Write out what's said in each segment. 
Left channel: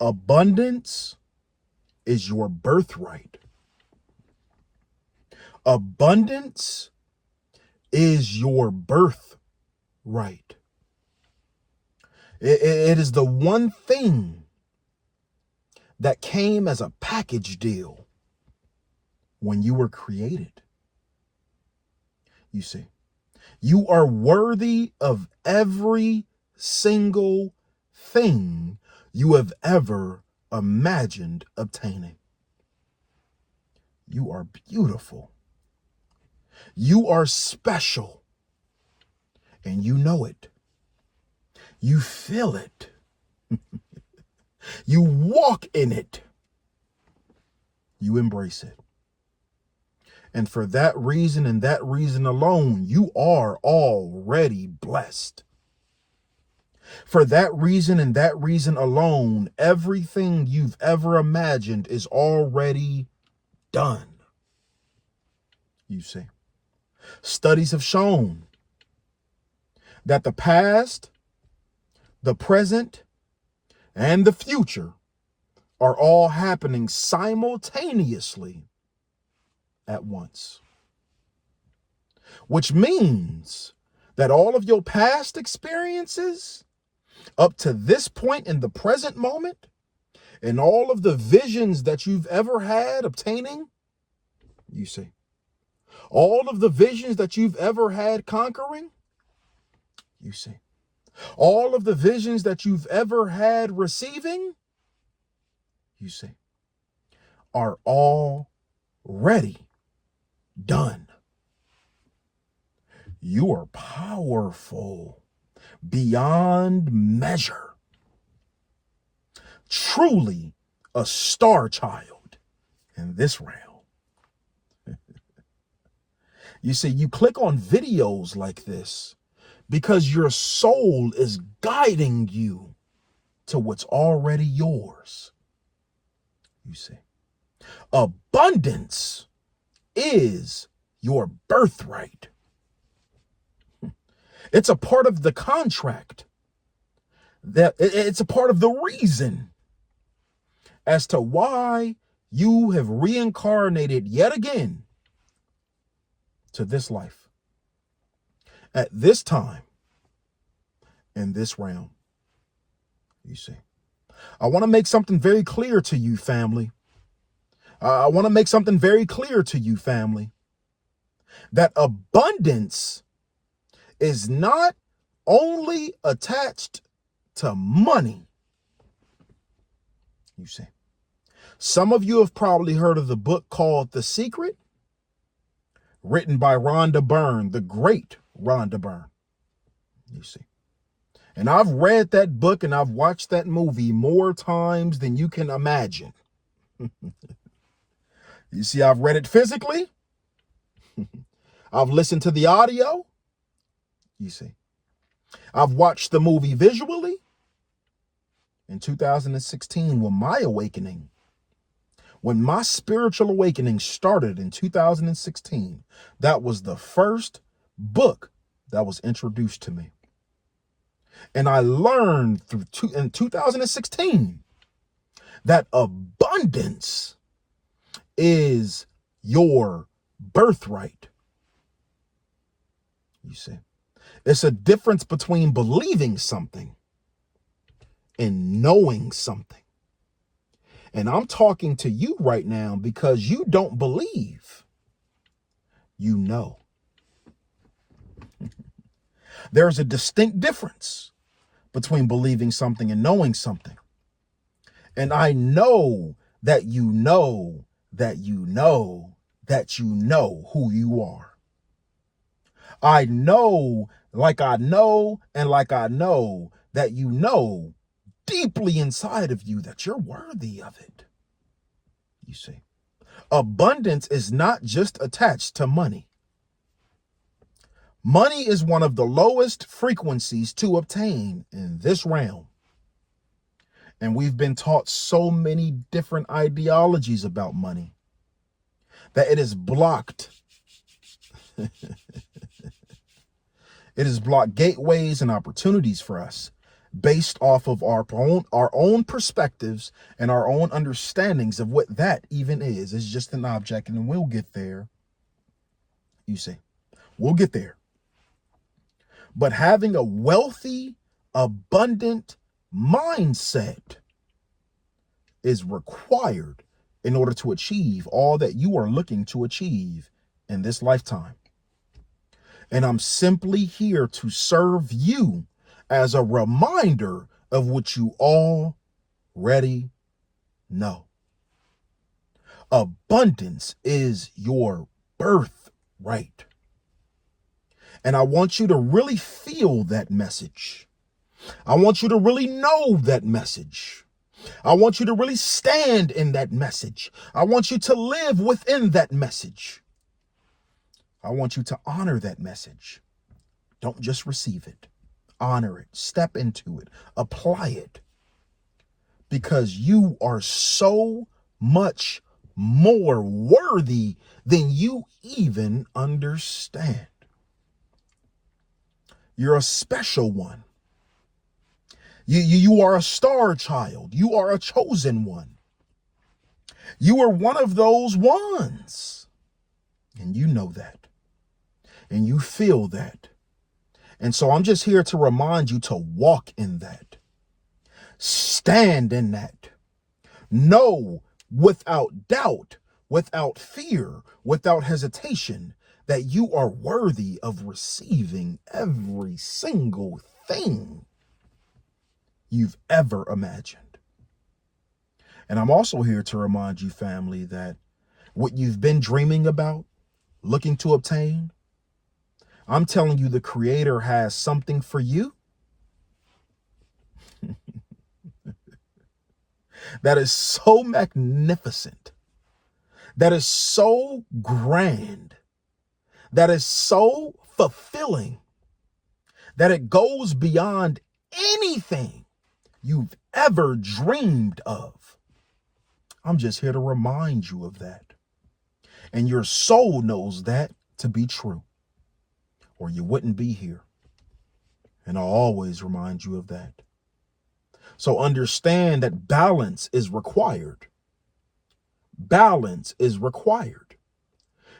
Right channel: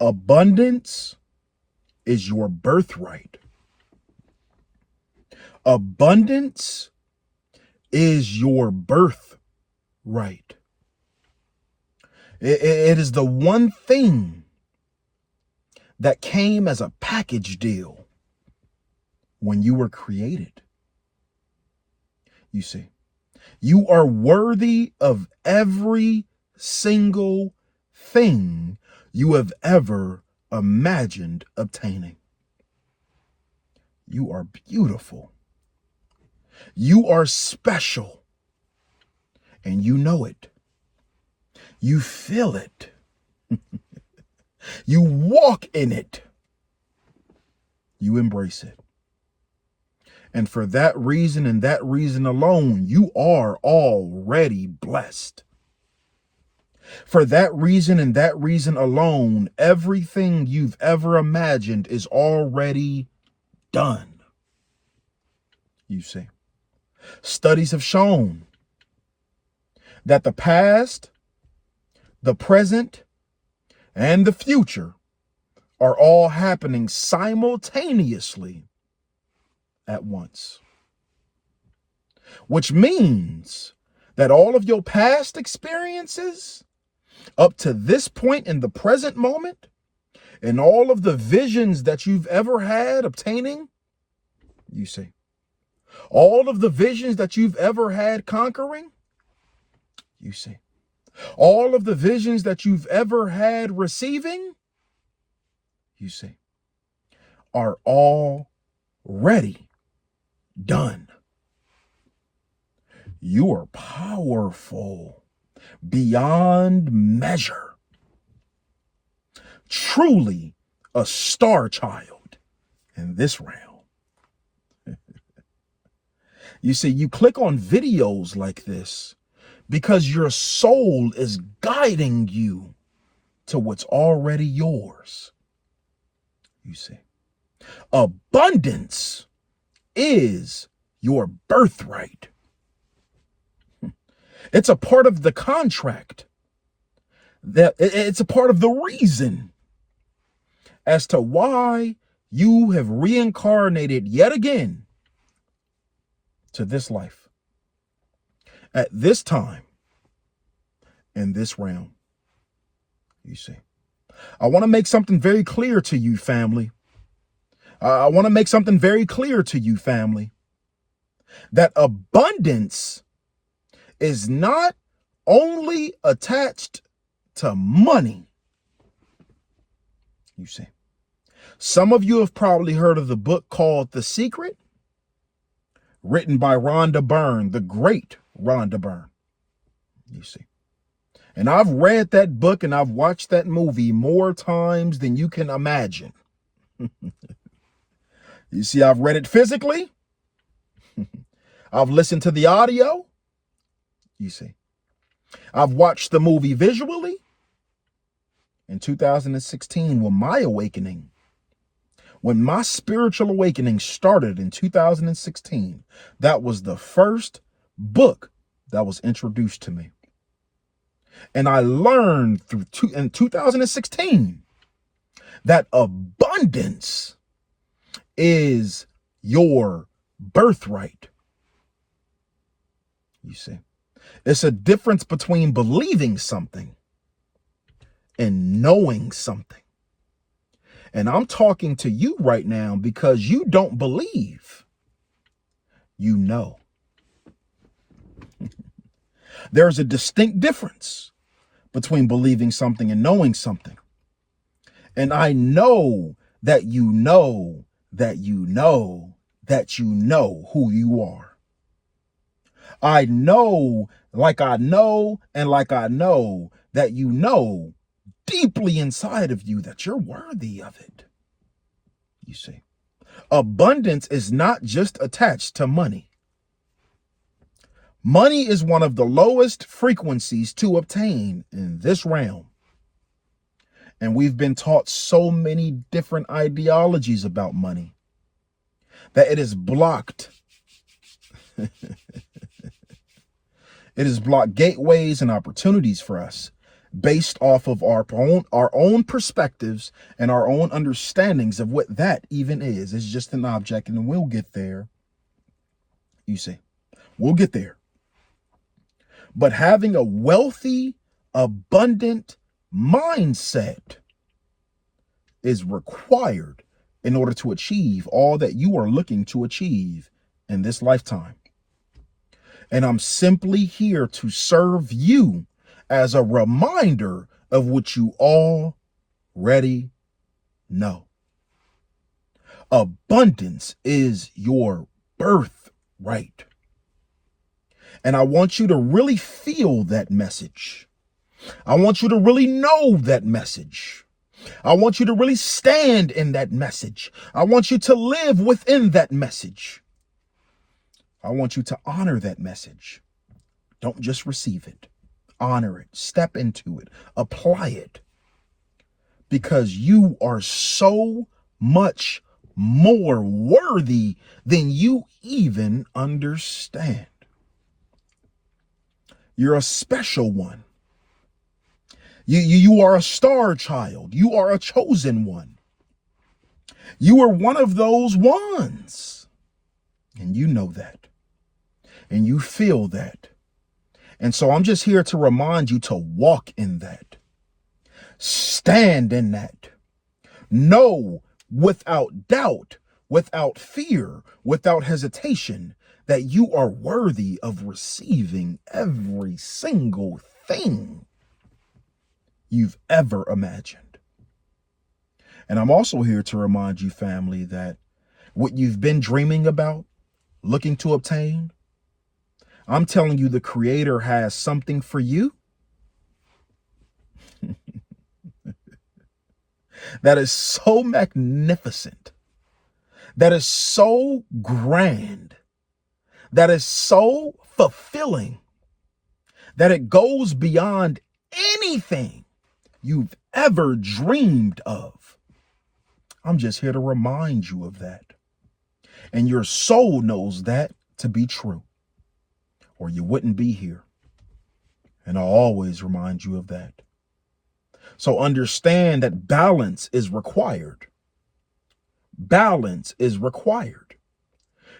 Abundance is your birthright. Abundance is your birthright. It is the one thing that came as a package deal when you were created. You see, you are worthy of every single thing you have ever imagined obtaining. You are beautiful. You are special. And you know it. You feel it. You walk in it. You embrace it. And for that reason and that reason alone, you are already blessed. For that reason and that reason alone, everything you've ever imagined is already done. You see, studies have shown that the past, the present, and the future are all happening simultaneously at once. Which means that all of your past experiences up to this point in the present moment, and all of the visions that you've ever had obtaining, you see, all of the visions that you've ever had conquering, you see, all of the visions that you've ever had receiving, you see, are already done. You are powerful beyond measure. Truly a star child in this realm. You see, you click on videos like this because your soul is guiding you to what's already yours. You see, abundance is your birthright. It's a part of the contract. It's a part of the reason as to why you have reincarnated yet again to this life, at this time, in this realm. You see, I want to make something very clear to you, family. I want to make something very clear to you, family, that abundance is not only attached to money. You see, some of you have probably heard of the book called The Secret, written by Rhonda Byrne, the great Rhonda Byrne. You see, and I've read that book and I've watched that movie more times than you can imagine. You see, I've read it physically. I've listened to the audio. You see, I've watched the movie visually. In 2016, when my awakening, when my spiritual awakening started in 2016, that was the first book that was introduced to me. And I learned in 2016 that abundance is your birthright. You see, it's a difference between believing something and knowing something. And I'm talking to you right now because you don't believe, you know. There's a distinct difference between believing something and knowing something. And I know that you know that you know that you know who you are. I know, like I know, and like I know that you know deeply inside of you that you're worthy of it. You see, abundance is not just attached to money. Money is one of the lowest frequencies to obtain in this realm. And we've been taught so many different ideologies about money that it is blocked. It has blocked gateways and opportunities for us based off of our own perspectives and our own understandings of what that even is. It's just an object, and then we'll get there. You see, we'll get there. But having a wealthy, abundant mindset is required in order to achieve all that you are looking to achieve in this lifetime. And I'm simply here to serve you as a reminder of what you already know. Abundance is your birthright. And I want you to really feel that message. I want you to really know that message. I want you to really stand in that message. I want you to live within that message. I want you to honor that message. Don't just receive it. Honor it. Step into it. Apply it. Because you are so much more worthy than you even understand. You're a special one. You are a star child. You are a chosen one. You are one of those ones. And you know that. And you feel that. And so I'm just here to remind you to walk in that. Stand in that. Know without doubt, without fear, without hesitation, that you are worthy of receiving every single thing you've ever imagined. And I'm also here to remind you, family, that what you've been dreaming about, looking to obtain, I'm telling you, the Creator has something for you that is so magnificent, that is so grand, that is so fulfilling, that it goes beyond anything you've ever dreamed of. I'm just here to remind you of that. And your soul knows that to be true, or you wouldn't be here. And I'll always remind you of that. So understand that balance is required. Balance is required.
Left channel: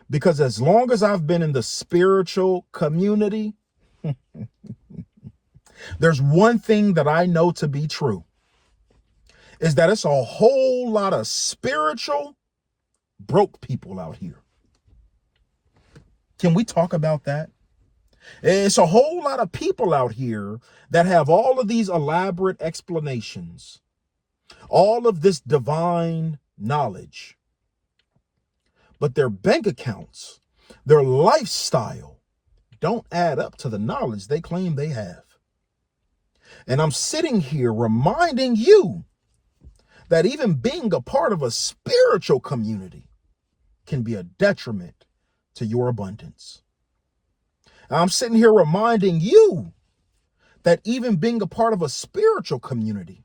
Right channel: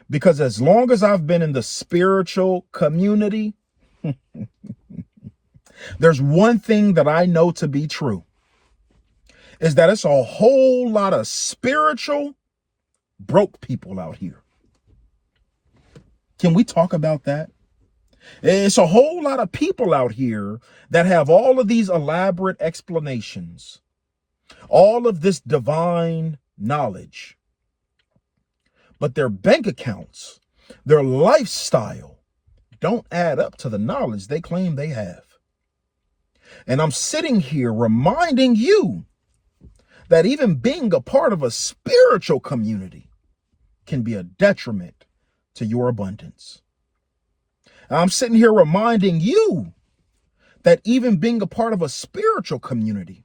Because as long as I've been in the spiritual community, there's one thing that I know to be true, is that it's a whole lot of spiritual broke people out here. Can we talk about that? It's a whole lot of people out here that have all of these elaborate explanations, all of this divine knowledge, but their bank accounts, their lifestyle don't add up to the knowledge they claim they have. And I'm sitting here reminding you that even being a part of a spiritual community can be a detriment to your abundance. I'm sitting here reminding you that even being a part of a spiritual community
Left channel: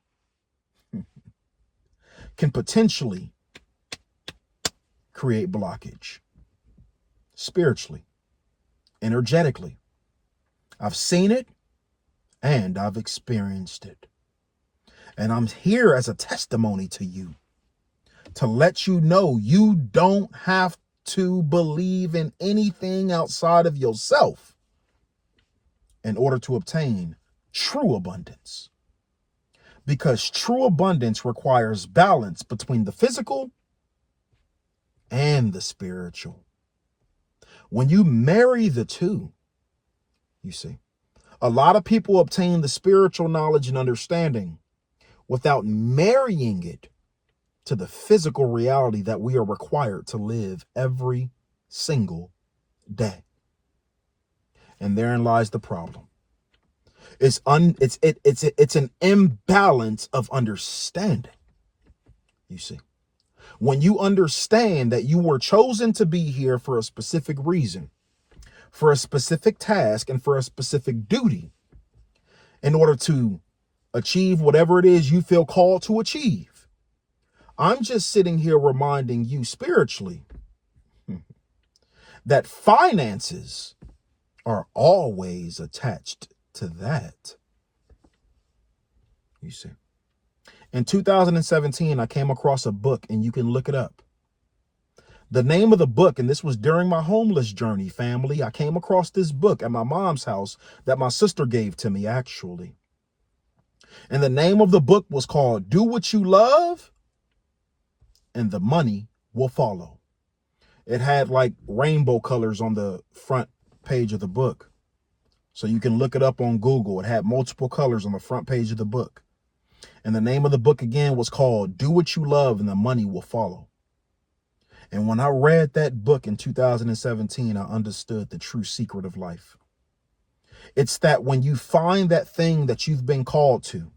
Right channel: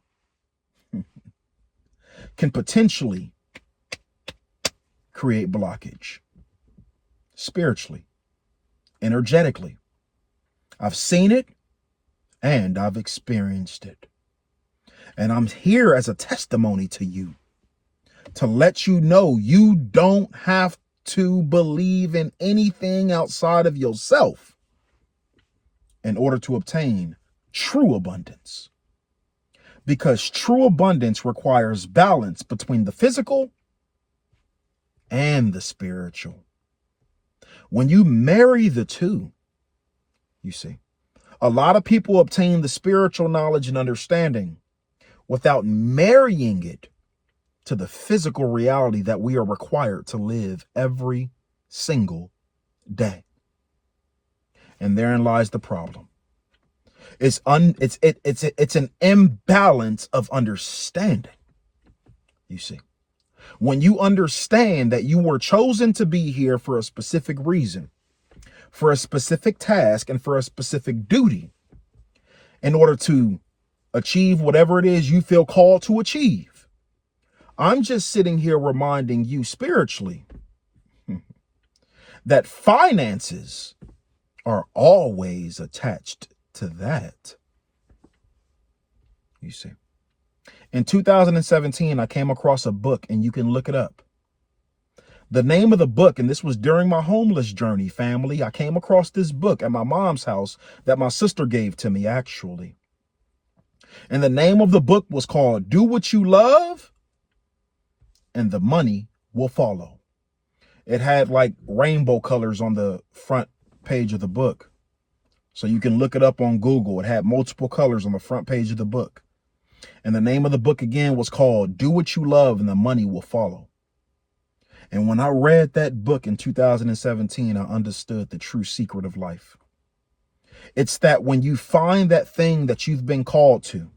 can potentially create blockage spiritually, energetically. I've seen it and I've experienced it. And I'm here as a testimony to you to let you know you don't have to believe in anything outside of yourself in order to obtain true abundance. Because true abundance requires balance between the physical and the spiritual. When you marry the two, you see, a lot of people obtain the spiritual knowledge and understanding without marrying it to the physical reality that we are required to live every single day. And therein lies the problem. It's an imbalance of understanding. You see, when you understand that you were chosen to be here for a specific reason, for a specific task, and for a specific duty, in order to achieve whatever it is you feel called to achieve, I'm just sitting here reminding you spiritually that finances are always attached to that. You see. In 2017, I came across a book, and you can look it up. The name of the book, and this was during my homeless journey, family. I came across this book at my mom's house that my sister gave to me, actually. And the name of the book was called Do What You Love, and the Money Will Follow. It had like rainbow colors on the front page of the book. So you can look it up on Google. It had multiple colors on the front page of the book. And the name of the book again was called Do What You Love, and the Money Will Follow. And when I read that book in 2017, I understood the true secret of life. It's that when you find that thing that you've been called to,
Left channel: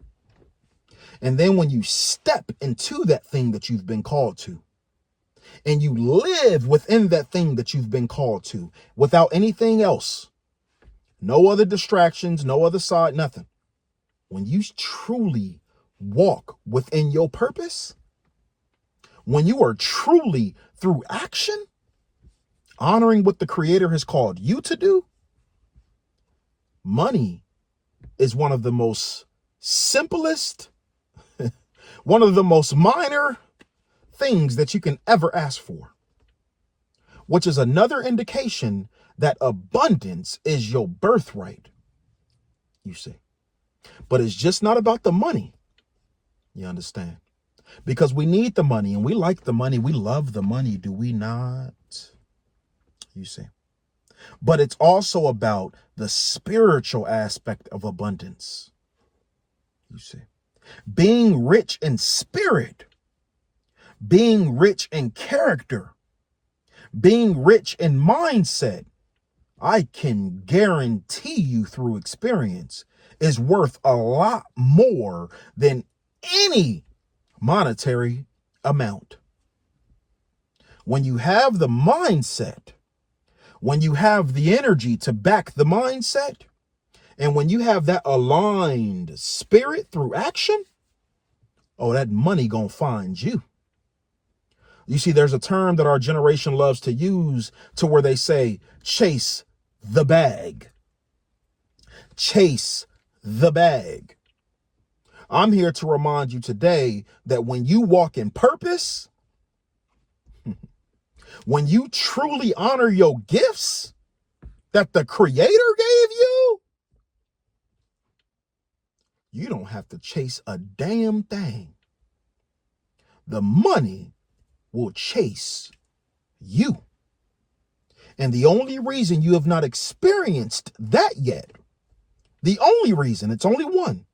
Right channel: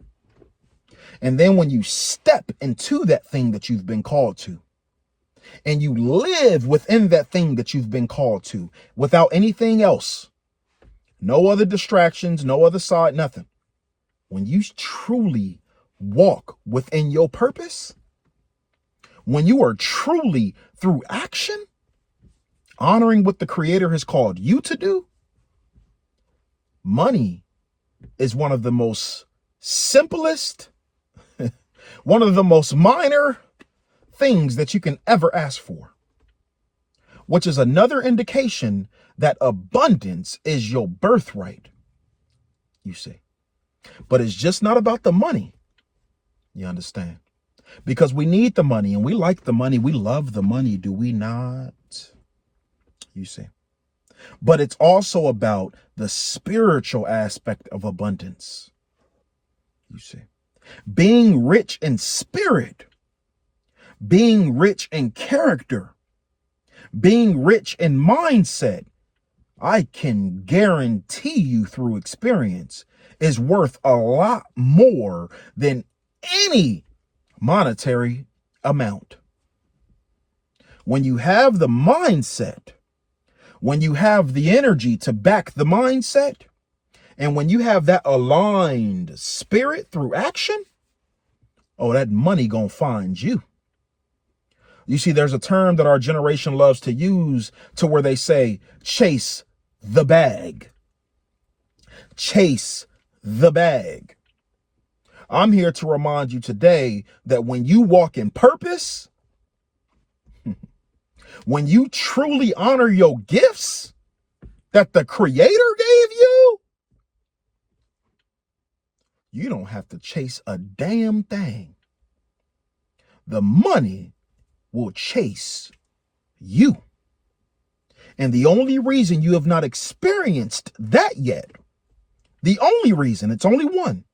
and then when you step into that thing that you've been called to, and you live within that thing that you've been called to, without anything else, no other distractions, no other side, nothing. When you truly walk within your purpose, when you are truly through action, honoring what the Creator has called you to do, money is one of the most simplest, one of the most minor things that you can ever ask for, which is another indication that abundance is your birthright, you see. But it's just not about the money, you understand? Because we need the money, and we like the money. We love the money, do we not? You see. But it's also about the spiritual aspect of abundance. You see. Being rich in spirit, being rich in character, being rich in mindset, I can guarantee you through experience, is worth a lot more than any monetary amount. When you have the mindset, when you have the energy to back the mindset, and when you have that aligned spirit through action, oh, that money gonna find you. You see, there's a term that our generation loves to use to where they say, chase the bag. Chase the bag. I'm here to remind you today that when you walk in purpose, when you truly honor your gifts that the Creator gave you, you don't have to chase a damn thing. The money will chase you. And the only reason you have not experienced that yet, the only reason, it's only one,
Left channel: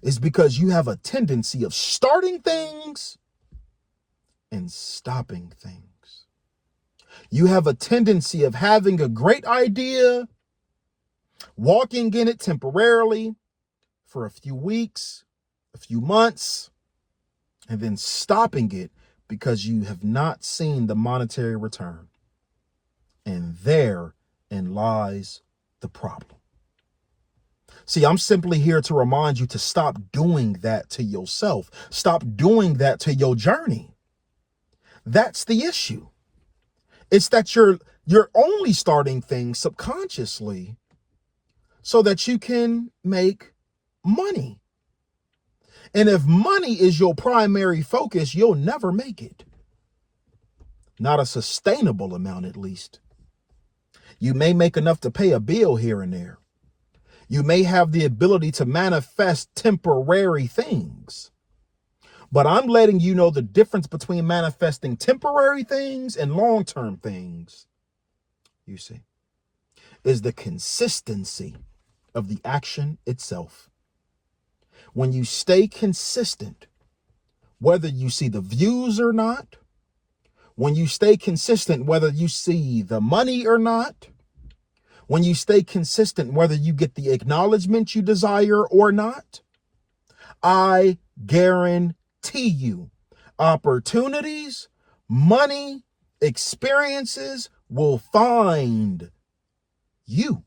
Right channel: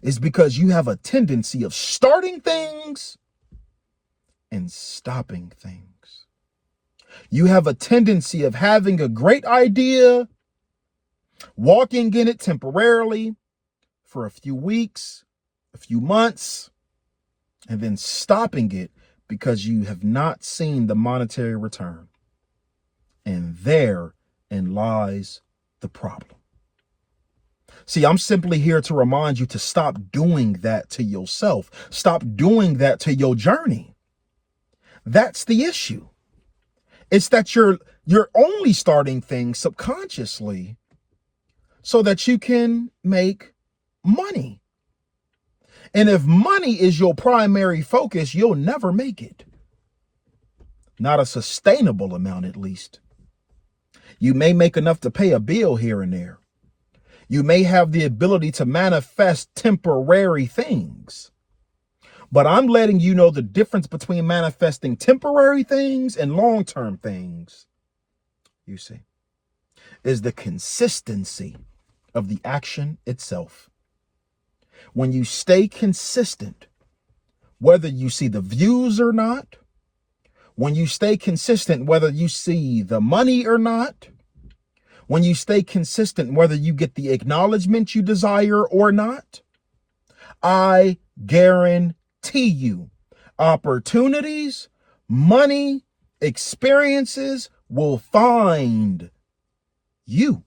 is because you have a tendency of starting things and stopping things. You have a tendency of having a great idea, walking in it temporarily for a few weeks, a few months, and then stopping it because you have not seen the monetary return. And therein lies the problem. See, I'm simply here to remind you to stop doing that to yourself. Stop doing that to your journey. That's the issue. It's that you're only starting things subconsciously so that you can make money. And if money is your primary focus, you'll never make it. Not a sustainable amount, at least. You may make enough to pay a bill here and there. You may have the ability to manifest temporary things. But I'm letting you know the difference between manifesting temporary things and long-term things, you see, is the consistency of the action itself. When you stay consistent, whether you see the views or not, when you stay consistent, whether you see the money or not, when you stay consistent, whether you get the acknowledgement you desire or not, I guarantee you opportunities, money, experiences will find you.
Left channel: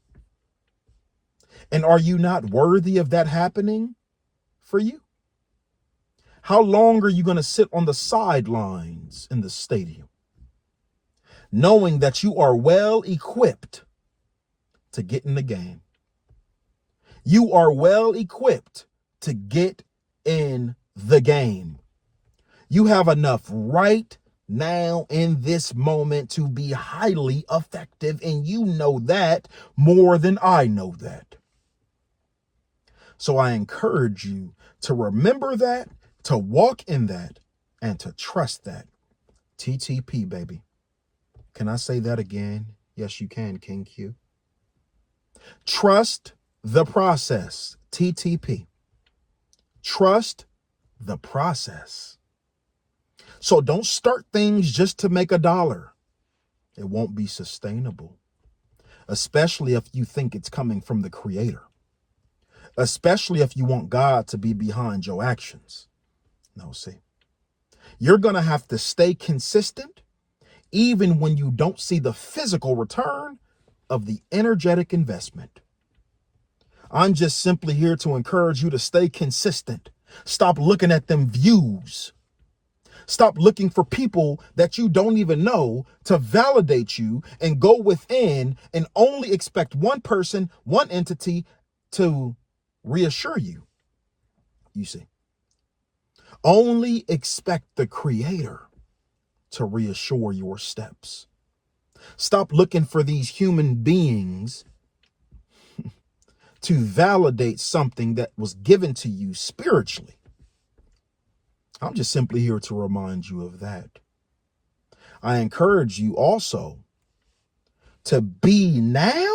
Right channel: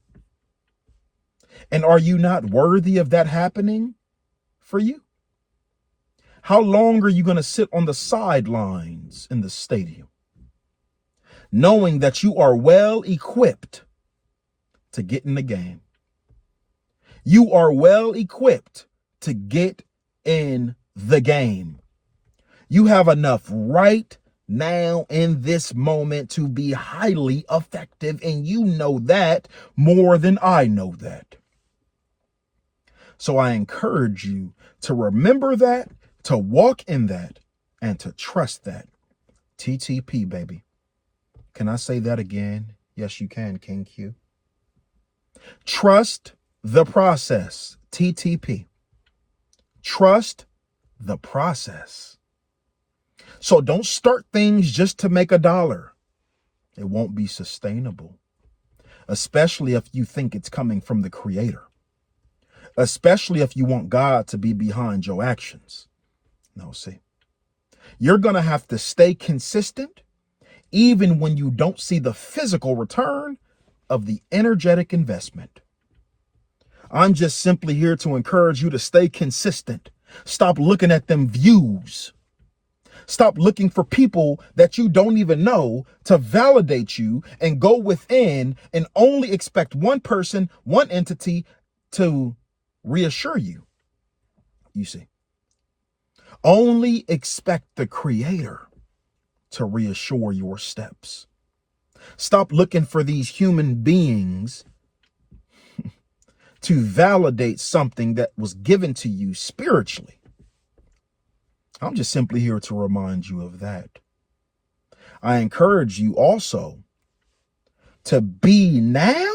And are you not worthy of that happening for you? How long are you going to sit on the sidelines in the stadium, knowing that you are well equipped to get in the game? You are well equipped to get in the game. You have enough right now in this moment to be highly effective, and you know that more than I know that. So I encourage you to remember that, to walk in that, and to trust that. TTP, baby. Can I say that again? Yes, you can, King Q. Trust the process. TTP. Trust the process. So don't start things just to make $1. It won't be sustainable, especially if you think it's coming from the Creator, especially if you want God to be behind your actions. No, see, you're going to have to stay consistent even when you don't see the physical return of the energetic investment. I'm just simply here to encourage you to stay consistent. Stop looking at them views. Stop looking for people that you don't even know to validate you, and go within and only expect one person, one entity to reassure you. You see, only expect the Creator to reassure your steps. Stop looking for these human beings to validate something that was given to you spiritually. I'm just simply here to remind you of that. I encourage you also to be now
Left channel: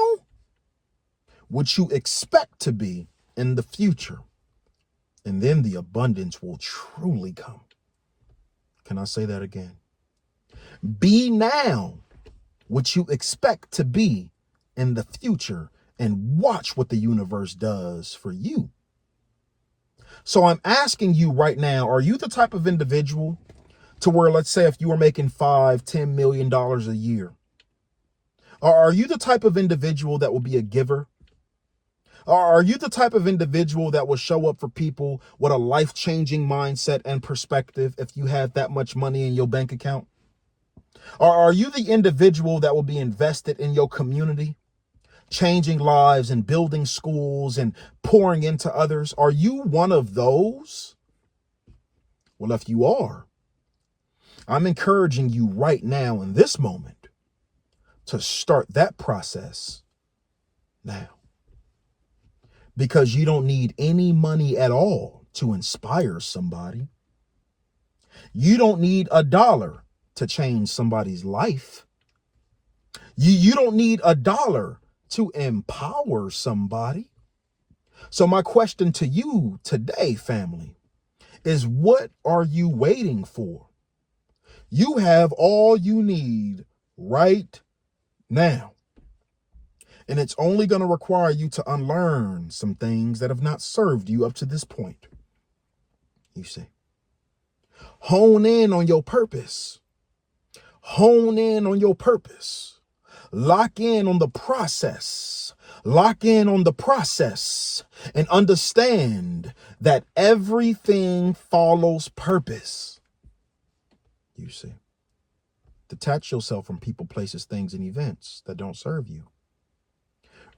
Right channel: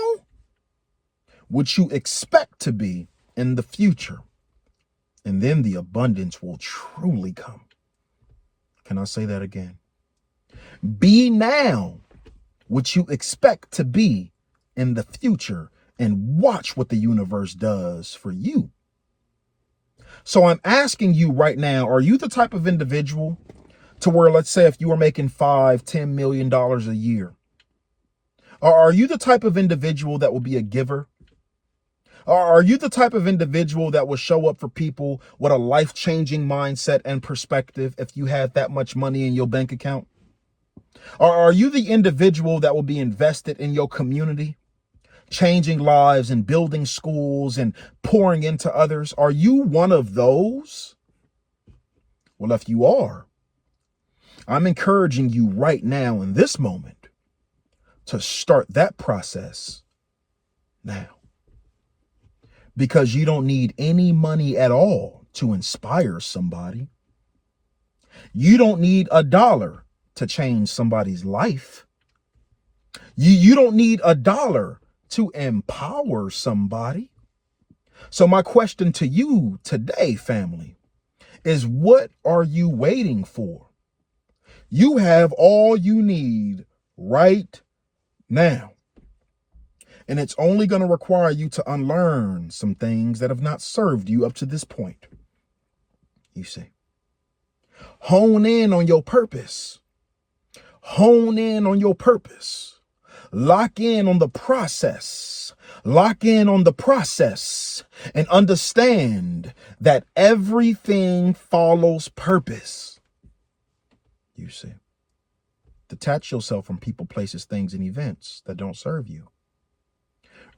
what you expect to be in the future, and then the abundance will truly come. Can I say that again? Be now what you expect to be in the future, and watch what the universe does for you. So I'm asking you right now, are you the type of individual to where, let's say, if you were making $5-10 million a year, or are you the type of individual that will be a giver? Or are you the type of individual that will show up for people with a life-changing mindset and perspective if you have that much money in your bank account? Or are you the individual that will be invested in your community, changing lives and building schools and pouring into others? Are you one of those? Well, if you are, I'm encouraging you right now in this moment to start that process now. Because you don't need any money at all to inspire somebody. You don't need $1 to change somebody's life. You don't need $1 to empower somebody. So my question to you today, family, is what are you waiting for? You have all you need right now. And it's only going to require you to unlearn some things that have not served you up to this point. You see, hone in on your purpose. Hone in on your purpose. Lock in on the process. Lock in on the process and understand that everything follows purpose. You see, detach yourself from people, places, things, and events that don't serve you.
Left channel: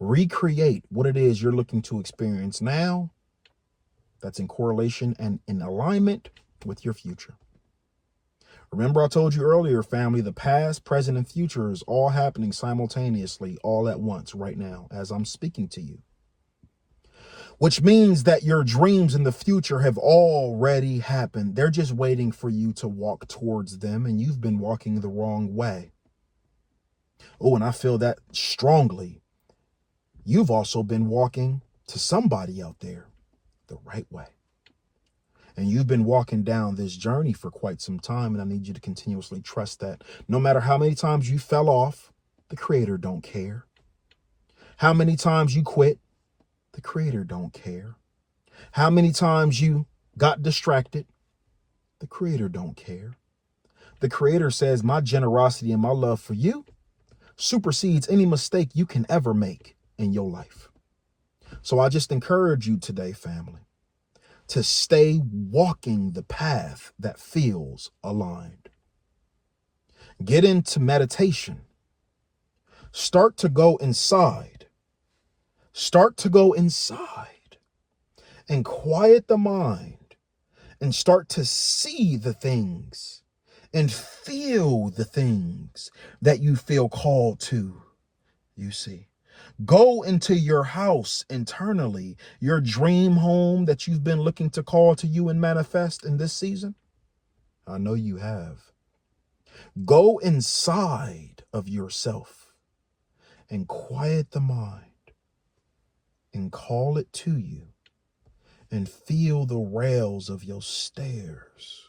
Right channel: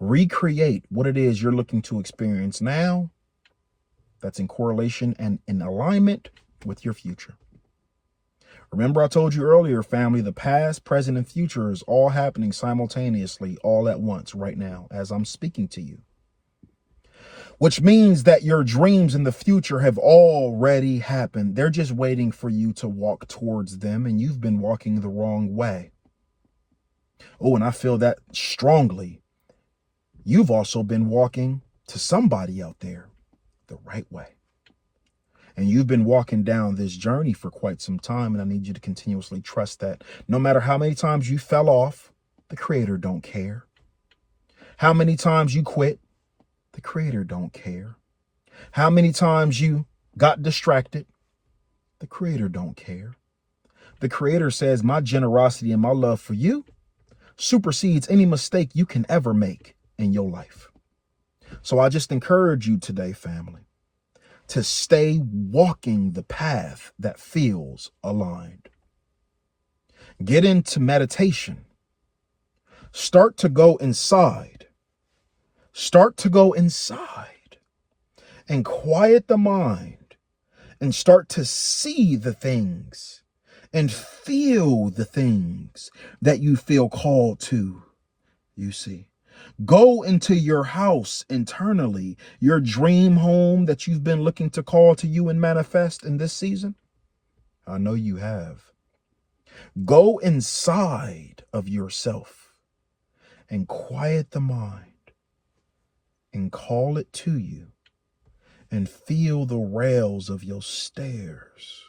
Recreate what it is you're looking to experience now that's in correlation and in alignment with your future. Remember, I told you earlier, family, the past, present, and future is all happening simultaneously, all at once, right now, as I'm speaking to you. Which means that your dreams in the future have already happened. They're just waiting for you to walk towards them, and you've been walking the wrong way. Oh, and I feel that strongly. You've also been walking to somebody out there the right way. And you've been walking down this journey for quite some time, and I need you to continuously trust that no matter how many times you fell off, the Creator don't care. How many times you quit, the Creator don't care. How many times you got distracted, the Creator don't care. The Creator says, my generosity and my love for you supersedes any mistake you can ever make in your life. So I just encourage you today, family, to stay walking the path that feels aligned. Get into meditation. Start to go inside. Start to go inside and quiet the mind and start to see the things and feel the things that you feel called to, you see. Go into your house internally, your dream home that you've been looking to call to you and manifest in this season. I know you have. Go inside of yourself and quiet the mind and call it to you and feel the rails of your stairs.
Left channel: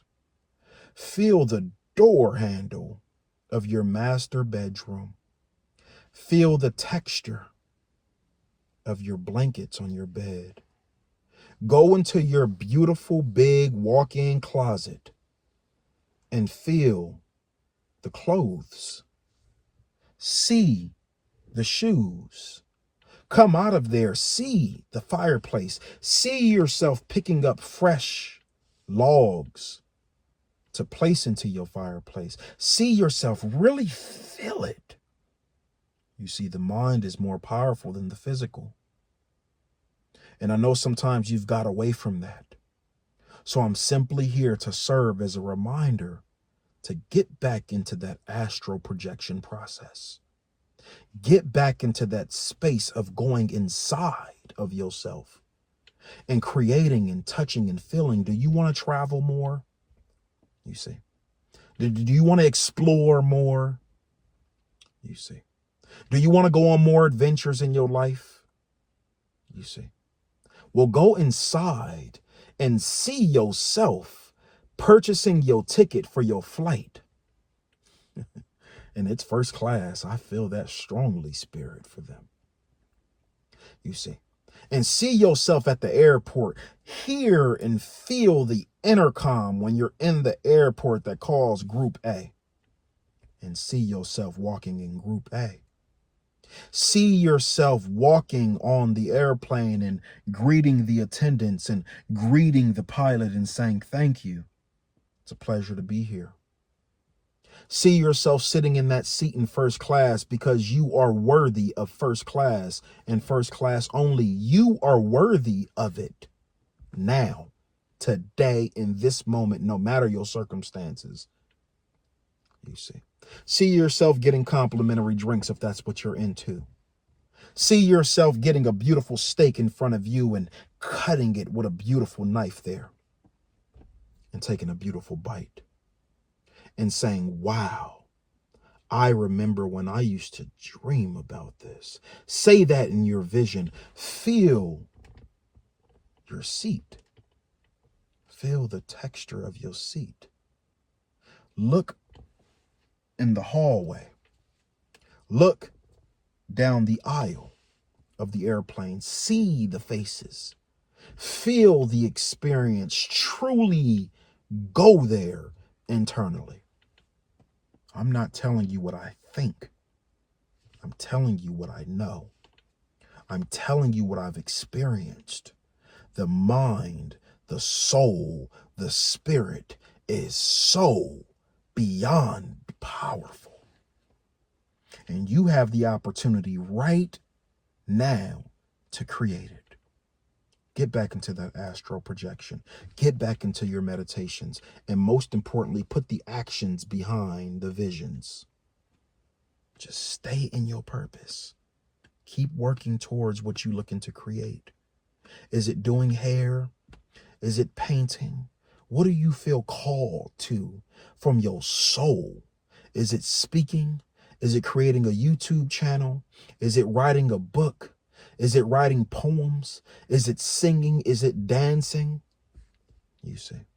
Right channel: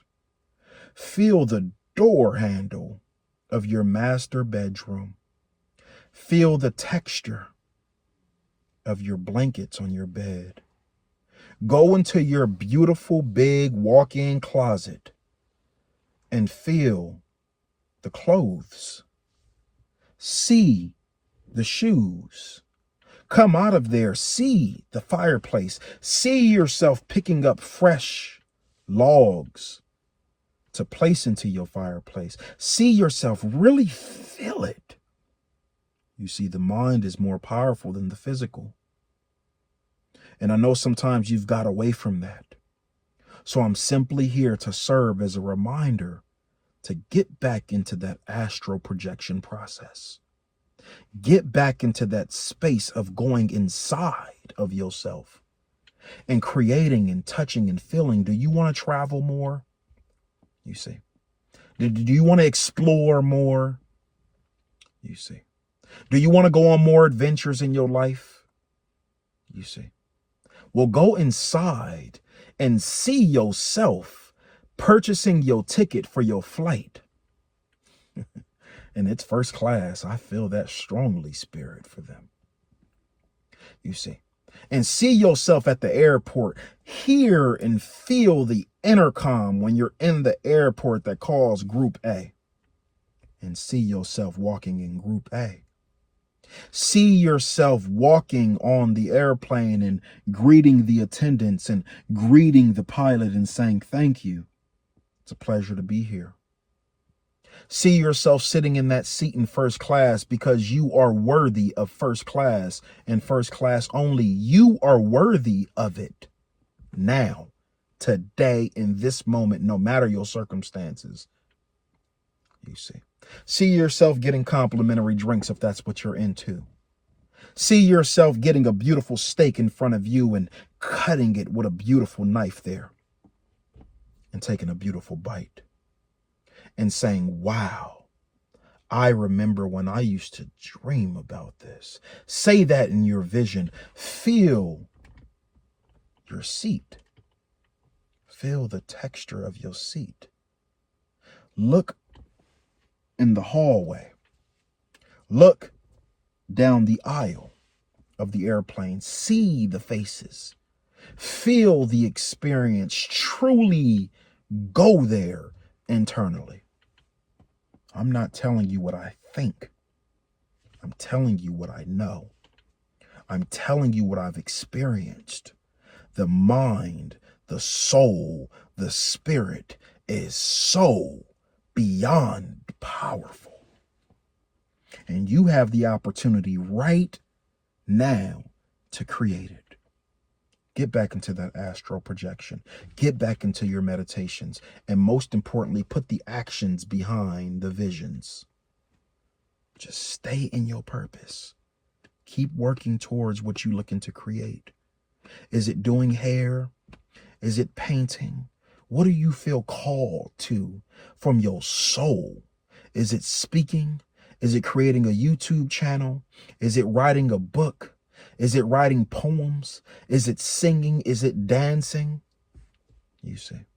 Feel the door handle of your master bedroom. Feel the texture of your blankets on your bed. Go into your beautiful big walk-in closet and feel the clothes. See the shoes. Come out of there, see the fireplace. See yourself picking up fresh logs to place into your fireplace. See yourself, really feel it. You see, the mind is more powerful than the physical. And I know sometimes you've got away from that. So I'm simply here to serve as a reminder to get back into that astral projection process. Get back into that space of going inside of yourself and creating and touching and feeling. Do you want to travel more? You see. Do you want to explore more? You see. Do you want to go on more adventures in your life? You see. Well, go inside and see yourself purchasing your ticket for your flight. And it's first class. I feel that strongly, Spirit, for them. You see. And see yourself at the airport. Hear and feel the intercom when you're in the airport that calls Group A. And see yourself walking in Group A. See yourself walking on the airplane and greeting the attendants and greeting the pilot and saying, thank you. It's a pleasure to be here. See yourself sitting in that seat in first class because you are worthy of first class and first class only. You are worthy of it now, today, in this moment, no matter your circumstances. You see. See yourself getting complimentary drinks if that's what you're into. See yourself getting a beautiful steak in front of you and cutting it with a beautiful knife there and taking a beautiful bite and saying, wow, I remember when I used to dream about this. Say that in your vision. Feel your seat. Feel the texture of your seat. Look in the hallway. Look down the aisle of the airplane. See the faces. Feel the experience. Truly go there internally. I'm not telling you what I think. I'm telling you what I know. I'm telling you what I've experienced. The mind, the soul, the spirit is so beyond powerful. And you have the opportunity right now to create it. Get back into that astral projection. Get back into your meditations. And most importantly, put the actions behind the visions. Just stay in your purpose. Keep working towards what you're looking to create. Is it doing hair? Is it painting? What do you feel called to from your soul? Is it speaking? Is it creating a YouTube channel? Is it writing a book? Is it writing poems? Is it singing? Is it dancing? You see.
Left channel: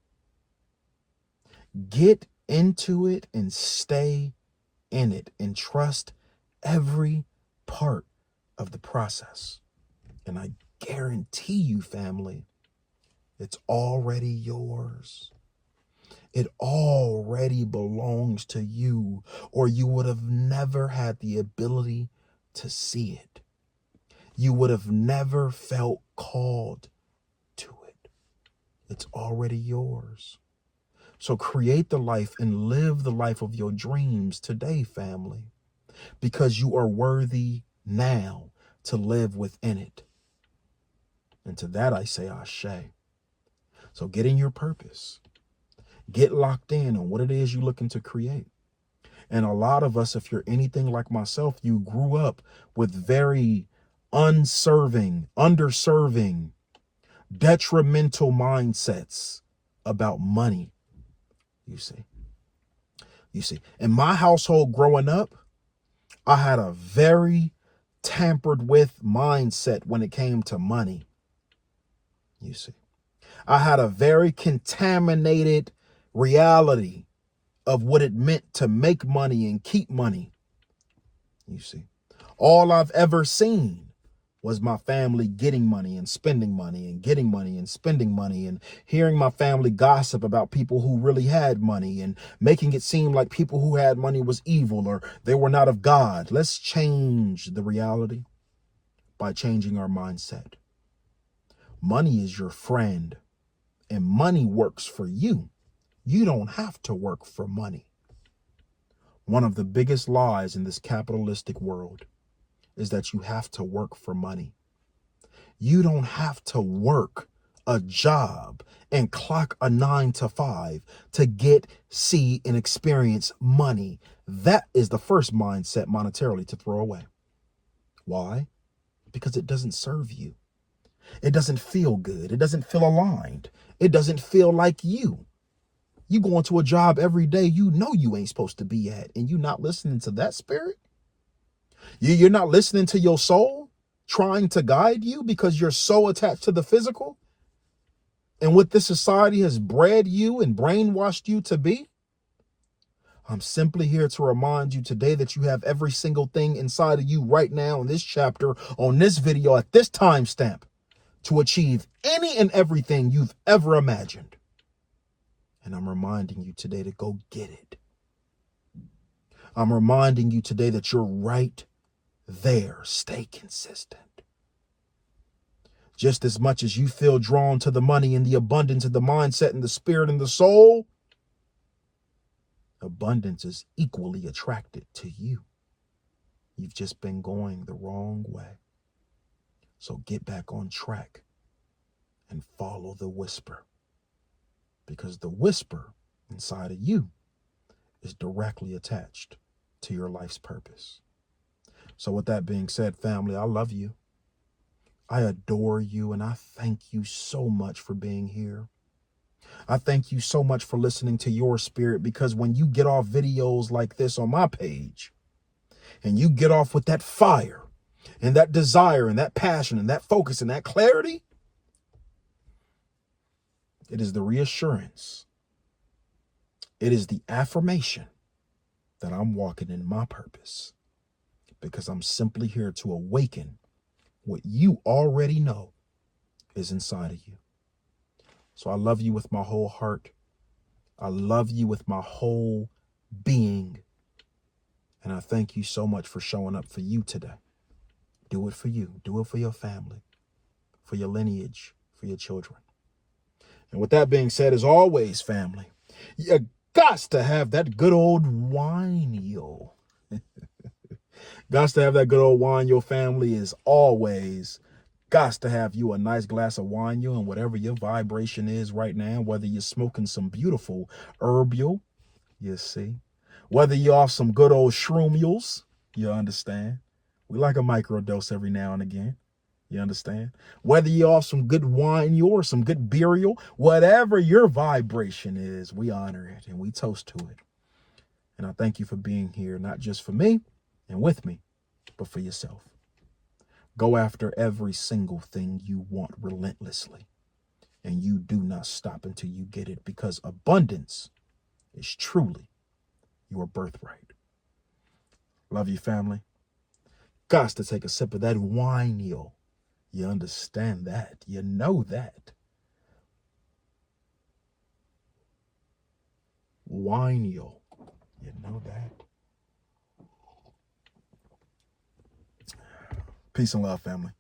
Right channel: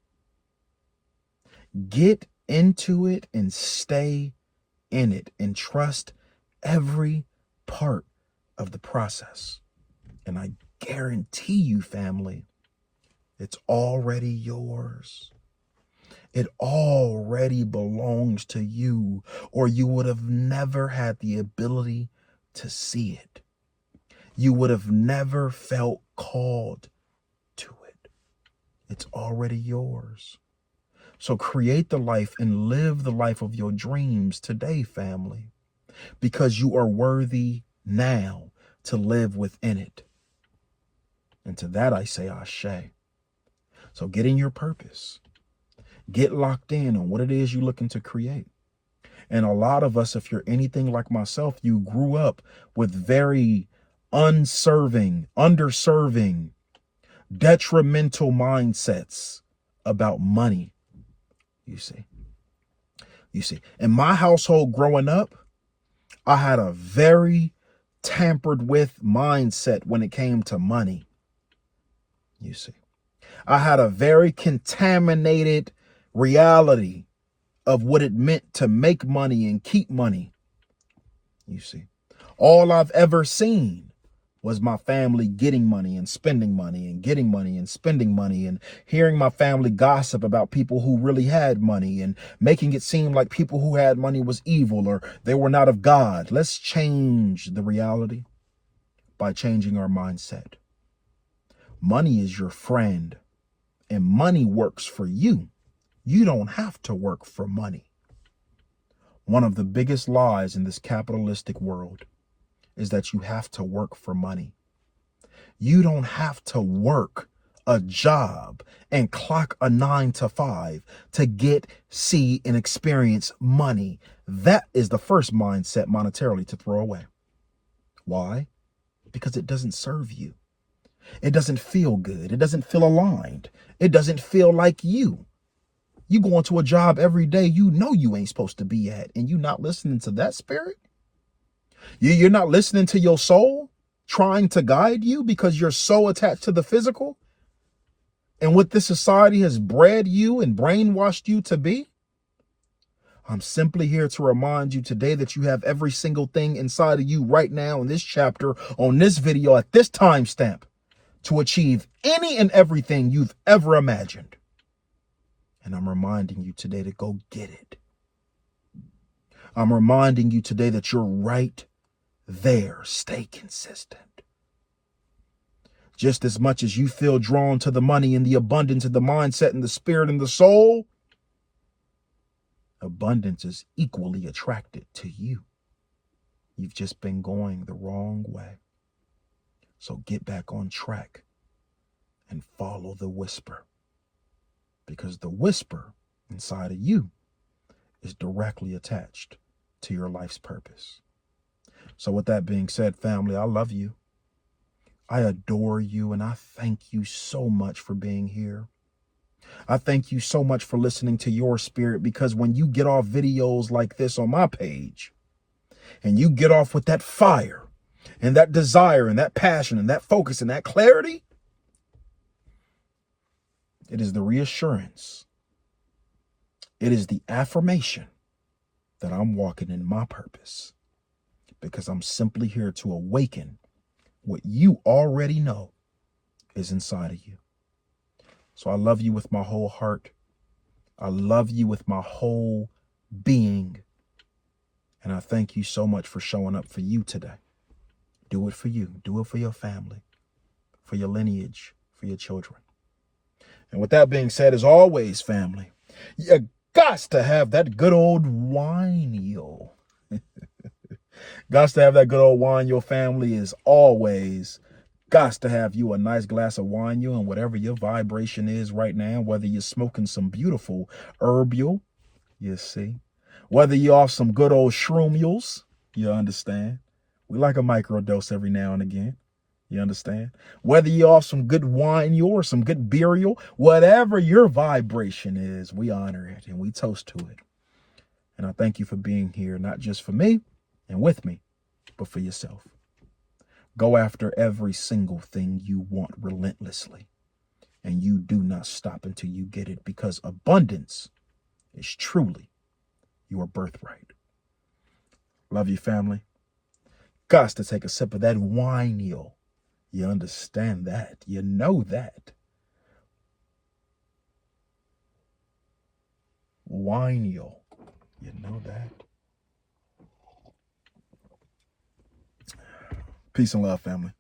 Get into it and stay in it and trust every part of the process. And I guarantee you, family, it's already yours. It already belongs to you, or you would have never had the ability to see it. You would have never felt called to it. It's already yours. So create the life and live the life of your dreams today, family, because you are worthy now to live within it. And to that I say ashe. So get in your purpose. Get locked in on what it is you're looking to create. And a lot of us, if you're anything like myself, you grew up with very underserving, detrimental mindsets about money. You see, in my household growing up, I had a very tampered with mindset when it came to money. You see, I had a very contaminated reality of what it meant to make money and keep money. You see, all I've ever seen was my family getting money and spending money and getting money and spending money, and hearing my family gossip about people who really had money and making it seem like people who had money was evil or they were not of God. Let's change the reality by changing our mindset. Money is your friend, and money works for you. You don't have to work for money. One of the biggest lies in this capitalistic world is that you have to work for money. You don't have to work a job and clock a 9 to 5 to get, see, and experience money. That is the first mindset monetarily to throw away. Why? Because it doesn't serve you. It doesn't feel good. It doesn't feel aligned. It doesn't feel like you. You go into a job every day you know you ain't supposed to be at, and you not listening to that spirit? You're not listening to your soul trying to guide you because you're so attached to the physical and what this society has bred you and brainwashed you to be? I'm simply here to remind you today that you have every single thing inside of you right now in this chapter, on this video, at this timestamp, to achieve any and everything you've ever imagined. And I'm reminding you today to go get it. I'm reminding you today that you're right there. Stay consistent. Just as much as you feel drawn to the money and the abundance and the mindset and the spirit and the soul, abundance is equally attracted to you. You've just been going the wrong way. So get back on track and follow the whisper, because the whisper inside of you is directly attached to your life's purpose. So with that being said, family, I love you. I adore you, and I thank you so much for being here. I thank you so much for listening to your spirit, because when you get off videos like this on my page, and you get off with that fire and that desire and that passion and that focus and that clarity, it is the reassurance. It is the affirmation that I'm walking in my purpose, because I'm simply here to awaken what you already know is inside of you. So I love you with my whole heart. I love you with my whole being. And I thank you so much for showing up for you today. Do it for you. Do it for your family, for your lineage, for your children. And with that being said, as always, family, you got to have that good old wine, yo. Got to have that good old wine, your family, is always got to have you a nice glass of wine, you, and whatever your vibration is right now, whether you're smoking some beautiful herbal, you see, whether you're off some good old shroomules, you understand. We like a microdose every now and again. You understand? Whether you're off some good wine or some good burial, whatever your vibration is, we honor it and we toast to it. And I thank you for being here, not just for me and with me, but for yourself. Go after every single thing you want relentlessly, and you do not stop until you get it, because abundance is truly your birthright. Love you, family. Got to take a sip of that wine, yo. You understand that. You know that. Wine, yo. You know that. Peace and love, family.